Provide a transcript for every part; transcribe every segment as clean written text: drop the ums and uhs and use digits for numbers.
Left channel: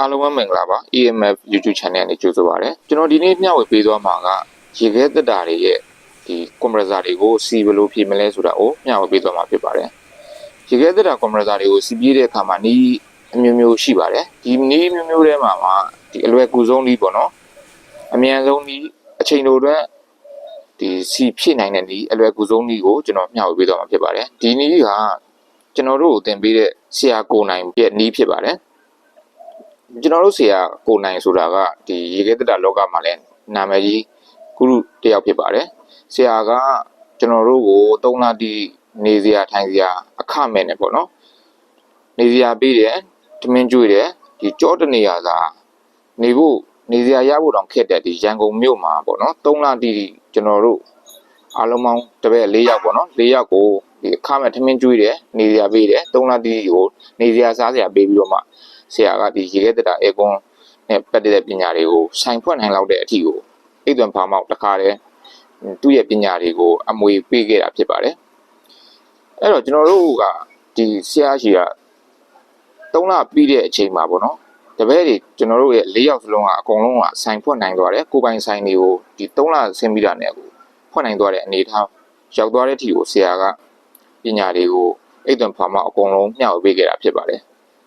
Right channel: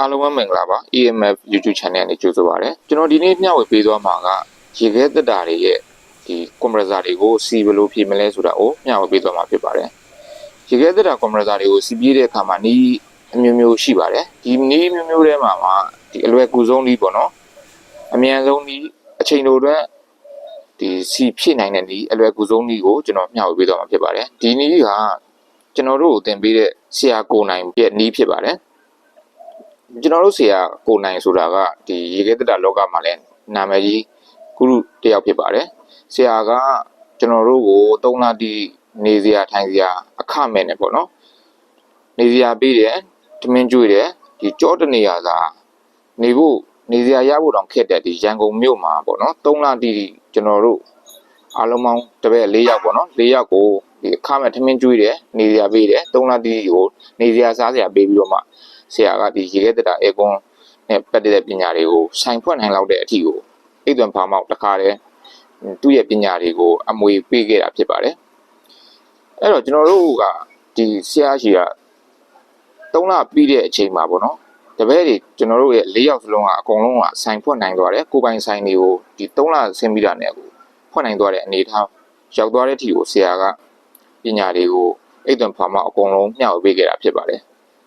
အားလုံးပဲမင်္ဂလာပါ EMF YouTube channel နဲ့ကြိုဆိုပါရစေကျွန်တော်ဒီနေ့မျှဝေပေးသွားမှာကရေခဲတက်တာတွေရဲ့ဒီ compressor တွေကိုစီဘယ်လိုဖြည့်မလဲဆိုတာကိုမျှဝေပေးသွားမှာဖြစ်ပါတယ်ရေခဲတက်တာ compressor တွေကိုစီပြည့်တဲ့အခါမှာနီးအမျိုးမျိုးရှိပါတယ်ဒီနီးမျိုးမျိုးထဲမှာဒီအလွယ်ကူဆုံးနီးပေါ့နော်အမြန်ဆုံးနီးအချိန်တိုအတွက်ဒီစီဖြည့်နိုင်တဲ့နီးအလွယ်ကူဆုံးနီးကိုကျွန်တော်မျှဝေပေးသွားမှာဖြစ်ပါတယ်ဒီနီးကကျွန်တော်တို့ကိုသင်ပေးတဲ့ဆရာကိုနိုင်ရဲ့နီးဖြစ်ပါတယ်ကျွန်တော်တို့ဆရာကိုနိုင်ဆိုတာကဒီရေခဲတက်တာလောကမှာလည်းနာမည်ကြီးဂုရုတယောက်ဖြစ်ပါတယ်ဆရာကကျွန်တော်တို့ကို3လတိနေစရာထိုင်စရာအခမဲ့နဲ့ပေါ့နော်နေစရာပေးတယ်တမင်ကျွေးတယ်ဒီကြောတနေရသာနေဖို့နေစရာရဖို့တောင်ခက်တဲ့ဒီရန်ကုန်မြို့မှာပေါ့နော်3လတိကျွန်တော်တို့အားလုံးပေါင်းတပည့်4ယောက်ပေါ့နော်4ယောက်ကိုဒီအခမဲ့တမင်ကျွေးတယ်နေစရာပေးတယ်3လတိကိုနေစရာစားစရာပေးပြီးတော့မှဆရာကဒီရေခဲတက်တာအေကွန်နဲ့ပတ်သက်တဲ့ပညာတွေကိုဆိုင်ဖွင့်နိုင်လောက်တဲ့အထိကိုအိတ်သွန်ဖာမောက်တခါတည်းသူ့ရဲ့ပညာတွေကိုအမွေပေးခဲ့တာဖြစ်ပါတယ်အဲ့တော့ကျွန်တော်တို့ကဒီဆရာကြီးက3လပြီးတဲ့အချိန်မှာပေါ့နော်တပည့်တွေကျွန်တော်တို့ရဲ့4ယောက်စလုံးကအကုန်လုံးကဆိုင်ဖွင့်နိုင်သွားတယ်ကိုပိုင်ဆိုင်တွေကိုဒီ3လဆင်းပြီးတာနဲ့ကိုဖွင့်နိုင်သွားတဲ့အနေအထားရောက်သွားတဲ့အထိကိုဆရာကပညာတွေကိုအိတ်သွန်ဖာမောက်အကုန်လုံးမျှဝေပေးခဲ့တာဖြစ်ပါတယ်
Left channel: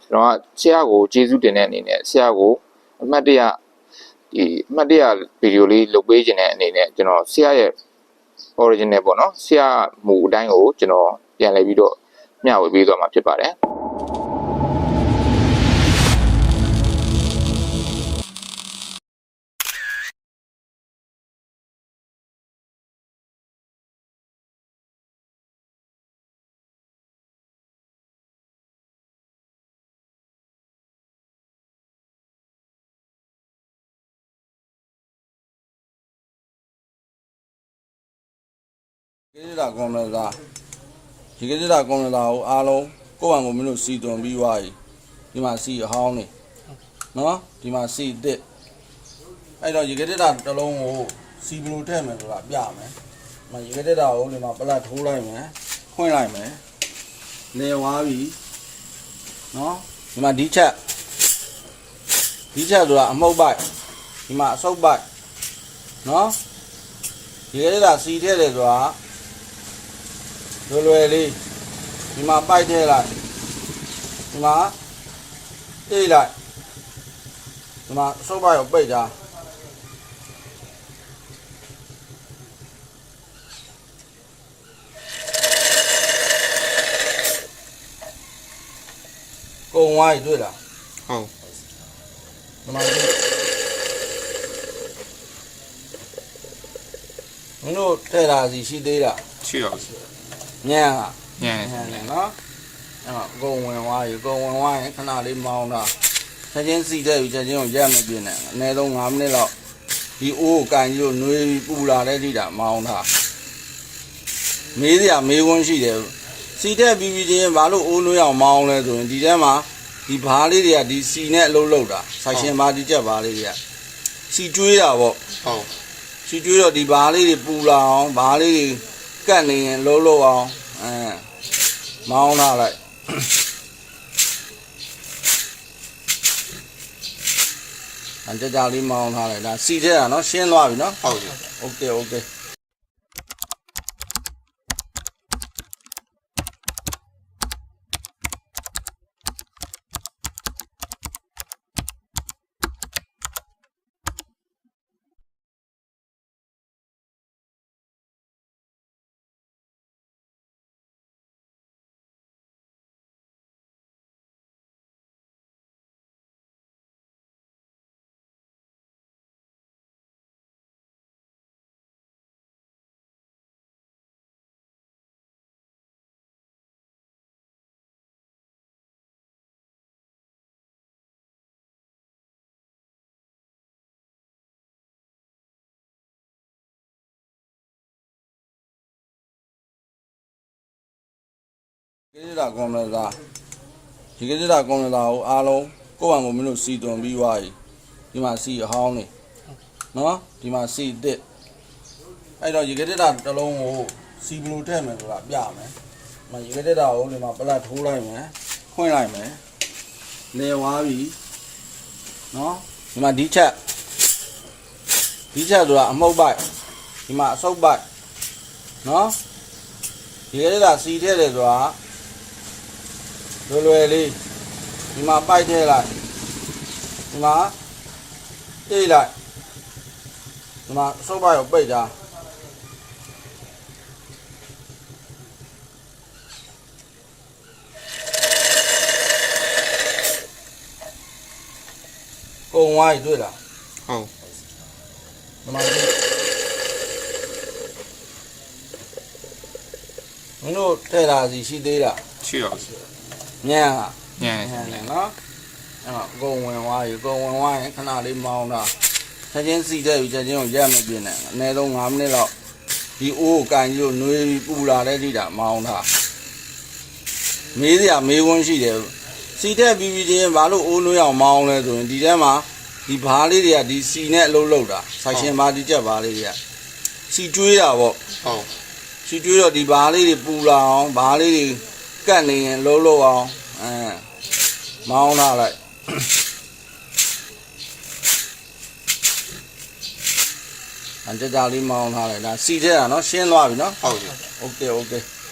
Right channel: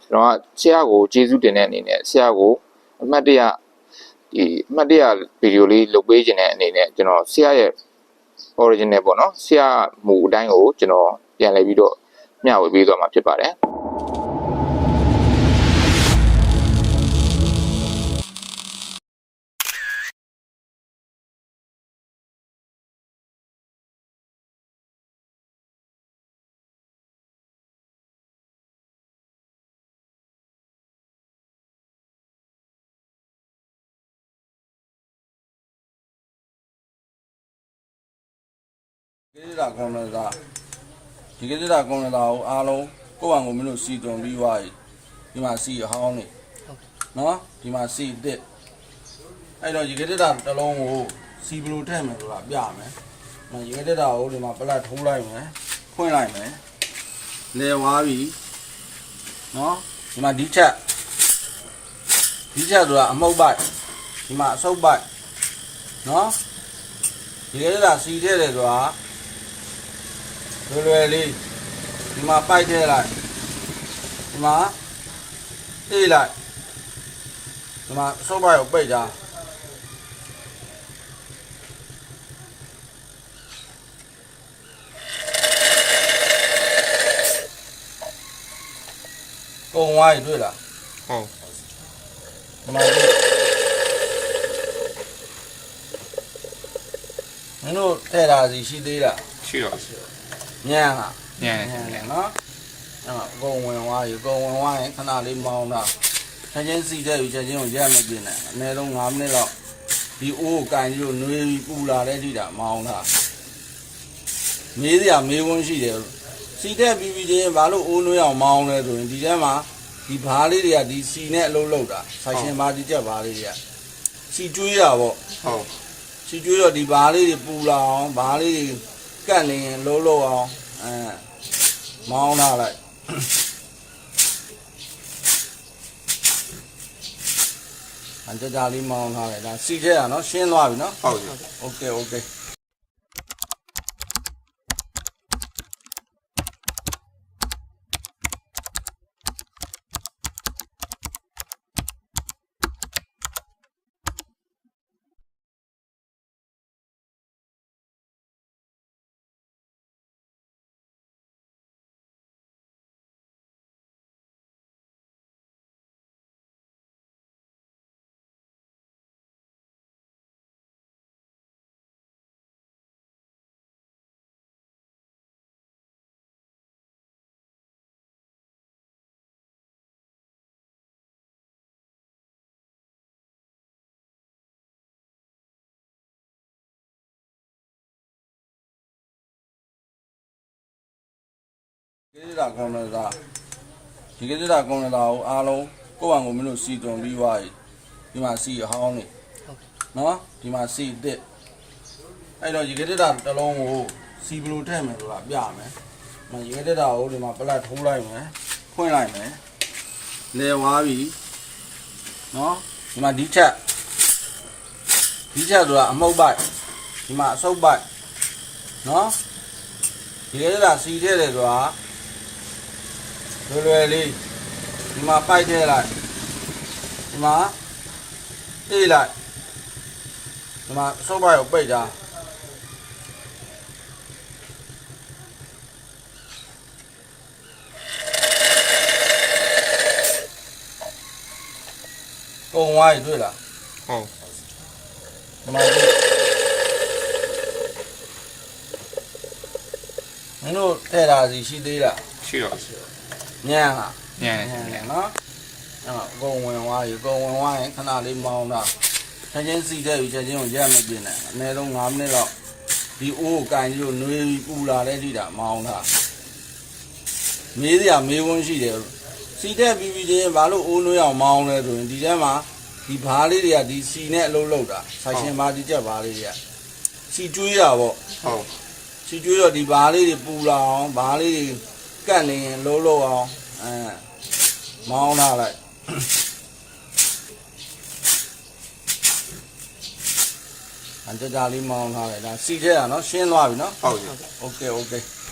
ကျွန်တော်ကဆရာကိုကျေးဇူးတင်တဲ့အနေနဲ့ဆရာကိုအမှတ်တရဗီဒီယိုလေးလုပ်ပေးခြင်းတဲ့အနေနဲ့ကျွန်တော်ဆရာရဲ့ original ပေါ့နော်ဆရာမူအတိုင်းကိုကျွန်တော်ပြန်လည်ပြီးတော့မျှဝေပေးသွားမှာဖြစ်ပါတယ်ဒီကနေ့ကောင်းလာဒီကနေ့ကောင်းလာကိုအားလုံးကိုယ့်ဘာကိုမင်းတို့စီတွန်ပြီးသွားပြီဒီမှာစီအဟောင်းနေနော်ဒီမှာစီတစ်အဲ့တော့ဒီကနေ့တစ်လုံးကိုစီဘလိုထည့်မယ်ဆိုတာပြမယ်နော်ဒီကနေ့ကိုဒီမှာပလတ်ထိုးလိုက်မယ်ဖွင့်လိုက်မယ်လဲဝါးပြီနော်ဒီမှာဒီချက်ဆိုတာအမှုတ်ပိုက်ဒီမှာအဆုပ်ပိုက်နော်ဒီကနေ့စီထည့်တယ်ဆိုတာလွယ်လေးဒီမှာပိုက်ထည့်လိုက်ဒီမှာအေးလိုက်ဒီမှာအဆုပ်ပိုက်ကိုပိတ်ကြကုံဝိုင်းတွေ့လားဟုတ်ဒီမှာမင်းတို့ထည့်တာစီရှိသေးလားရှိတော့ညံကညံနော်အဲ့ကုံဝင်သွားပြီကုံဝင်သွားရင်ခဏလေးမောင်းတာချက်ချင်းစီတဲ့ပြီချက်ချင်းကိုရက်မပြင်းနဲ့အနည်းဆုံး5မိနစ်လောက်ဒီအိုးကိုကန်ကြီးကိုနှွေးပြီးပူလာတဲ့ထိတာမောင်းတာမေးစရာမေးခွန်းရှိတယ်စီတဲ့ပြီးချင်းဘာလို့အိုးနှွေးအောင်မောင်းလဲဆိုရင်ဒီထဲမှာဒီဘားလေးတွေကဒီစီနဲ့အလုပ်လုပ်တာဆိုင်ရှင်ဘာဒီချက်ဘားလေးတွေကစီကျွေးတာပေါ့ဟုတ်စီကျွေးတော့ဒီဘားလေးတွေပူလာအောင်ဘားလေးတွေကတ်နေရင်လုံးလုံးအောင်မောင်းလာလိုက်ကြကြလေးမောင်းထားလိုက်ဒါစီထဲတာနော်ရှင်းသွားပြီနော်ဟုတ်ပြီโอเคဒီကနေ့ကောင်းလာဒီကနေ့ကောင်းလာကိုအားလုံးကိုယ့်ဘာကိုမင်းတို့စီတွန်ပြီးသွားပြီဒီမှာစီအဟောင်းနေနော်ဒီမှာစီတစ်အဲ့တော့ဒီကနေ့တစ်လုံးကိုစီဘလိုထည့်မယ်ဆိုတာပြမယ်နော်ဒီကနေ့ကိုဒီမှာပလတ်ထိုးလိုက်မယ်ဖွင့်လိုက်မယ်လဲဝါးပြီ နော်ဒီမှာဒီချက်ဆိုတာအမှုတ်ပိုက်ဒီမှာအဆုပ်ပိုက်နော်ဒီရဲတာစီထည့်တယ်ဆိုတာလွယ်လေးဒီမှာပိုက်ထည့်လိုက်ဒီမှာတေးလိုက်ဒီမှာအဆုပ်ပိုက်ကိုပိတ်တာကုံဝိုင်းတွေ့လား ဟုတ် ဒီမှာမင်းတို့ထဲတာစီရှိသေးလား ရှိတော့ ညံလား ညံ ညံနော်အကုံဝင်သွားပြီကုံဝင်သွားရင်ခဏလေးမောင်းတာချက်ချင်းစီတဲ့ပြီချက်ချင်းကိုရက်မပြင်းနဲ့အနည်းဆုံး9မိနစ်တော့ဒီအိုးကိုကန်ကြီးကိုနှွေးပြီးပူလာတဲ့ထိတာမောင်းတာမေးစရာမေးခွန်းရှိတယ်စီတဲ့ပြီးပြီးချင်းဘာလို့အိုးနှွေးအောင်မောင်းလဲဆိုရင်ဒီထဲမှာဒီဘားလေးတွေကဒီစီနဲ့အလုပ်လုပ်တာဆိုင်ရှင်ဘာဒီချက်ဘားလေးတွေကစီကျွေးတာပေါ့ ဟုတ် စီကျွေးတော့ဒီဘားလေးတွေပူလာအောင်ဘားလေးတွေကတ်နေရင်လုံးလုံးအောင်မောင်းလာလိုက်အကြကြလေးမောင်းထားလိုက်ဒါစီထဲတာနော်ရှင်းသွားပြီနော် ဟုတ်ပြီ โอเค